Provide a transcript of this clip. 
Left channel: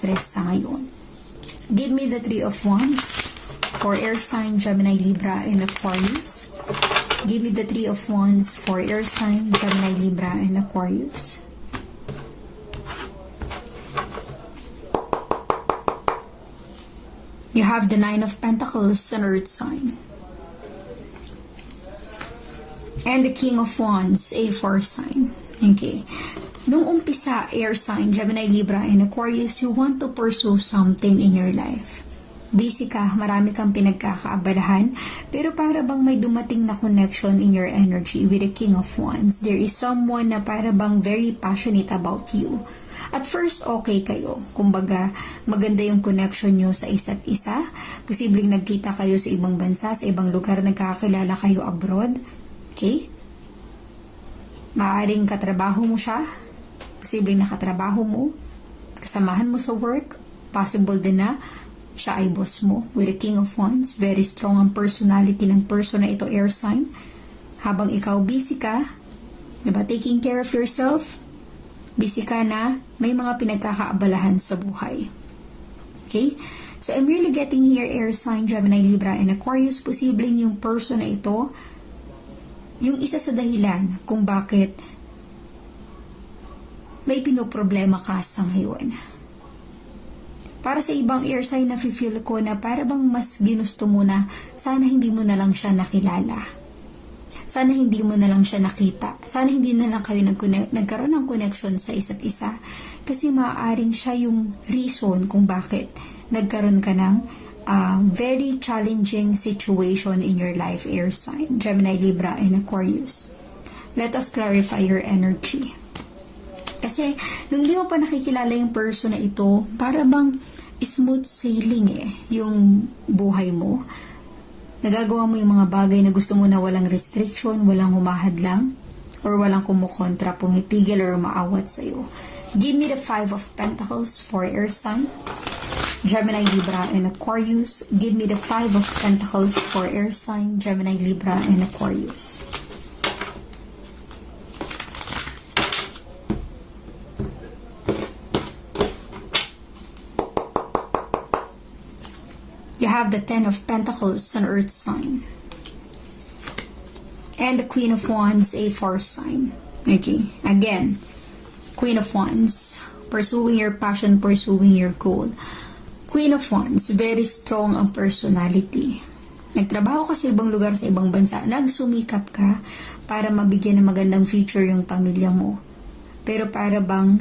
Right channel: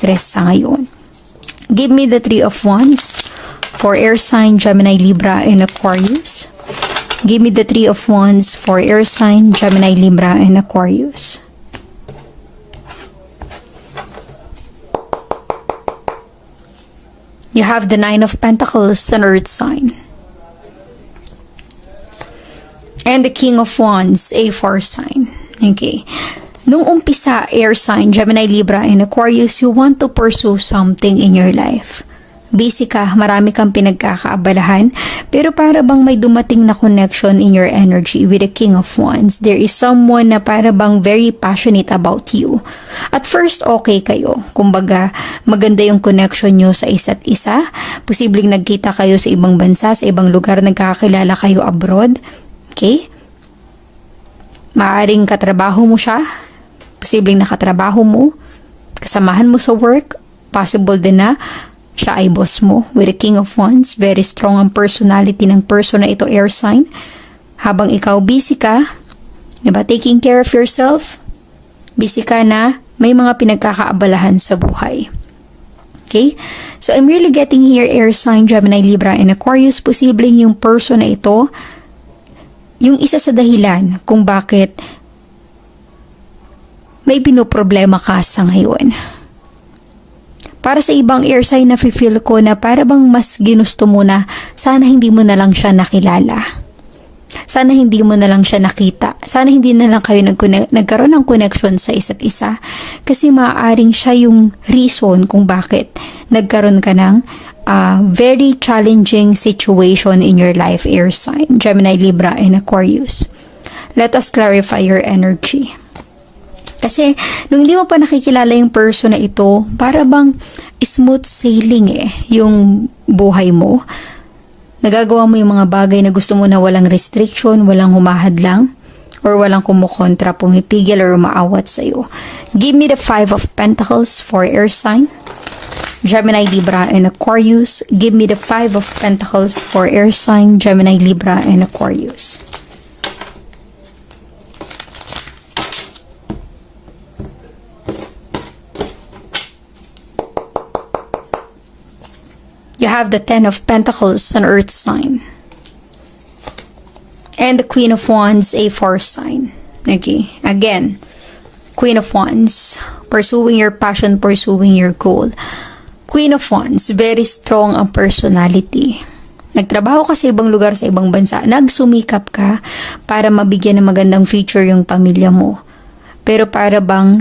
stress sa ngayon. Give me the Three of Wands for air sign, Gemini, Libra, and Aquarius. Give me the Three of Wands for air sign, Gemini, Libra, and Aquarius. You have the Nine of Pentacles, an earth sign. And the King of Wands, a fire sign. Okay. Nung umpisa, air sign, Gemini, Libra, and Aquarius, you want to pursue something in your life. Busy ka, marami kang pinagkakaabalahan, pero para bang may dumating na connection in your energy with the King of Wands. There is someone na para bang very passionate about you. At first, okay kayo. Kumbaga, maganda yung connection nyo sa isa't isa. Posibleng nagkita kayo sa ibang bansa, sa ibang lugar, nagkakakilala kayo abroad. Okay? Maaring katrabaho mo siya. Posibleng nakatrabaho mo. Kasamahan mo sa work. Possible din na siya ay boss mo with the King of Wands. Very strong ang personality ng person na ito, air sign. Habang ikaw busy ka, diba, taking care of yourself, busy ka na, may mga pinagkakaabalahan sa buhay. Okay? So, I'm really getting here, air sign, Gemini, Libra, and Aquarius. Posibleng yung person na ito, yung isa sa dahilan kung bakit may pinoproblema ka sa ngayon. Para sa ibang air sign, nafe-feel ko na para bang mas ginusto mo na sana hindi mo na lang siya nakilala. Sana hindi mo na lang siya nakita. Sana hindi na lang kayo nagkaroon ng connection sa isa't isa. Kasi maaaring siya yung reason kung bakit nagkaroon ka ng very challenging situation in your life, air sign, Gemini, Libra, and Aquarius. Let us clarify your energy. Kasi, nung hindi mo pa nakikilala yung person na ito, para bang smooth sailing yung buhay mo. Nagagawa mo yung mga bagay na gusto mo na walang restriction, walang humahadlang, or walang kumukontra, pumipigil, or umaawat sa'yo. Give me the Five of Pentacles for air sign, Gemini, Libra, and Aquarius. Give me the Five of Pentacles for air sign, Gemini, Libra, and Aquarius. You have the Ten of Pentacles, an earth sign. And the Queen of Wands, a fire sign. Okay, again, Queen of Wands, pursuing your passion, pursuing your goal. Queen of Wands, very strong ang personality. Nagtrabaho ka sa ibang lugar, sa ibang bansa. Nagsumikap ka para mabigyan ng magandang future yung pamilya mo. Pero para bang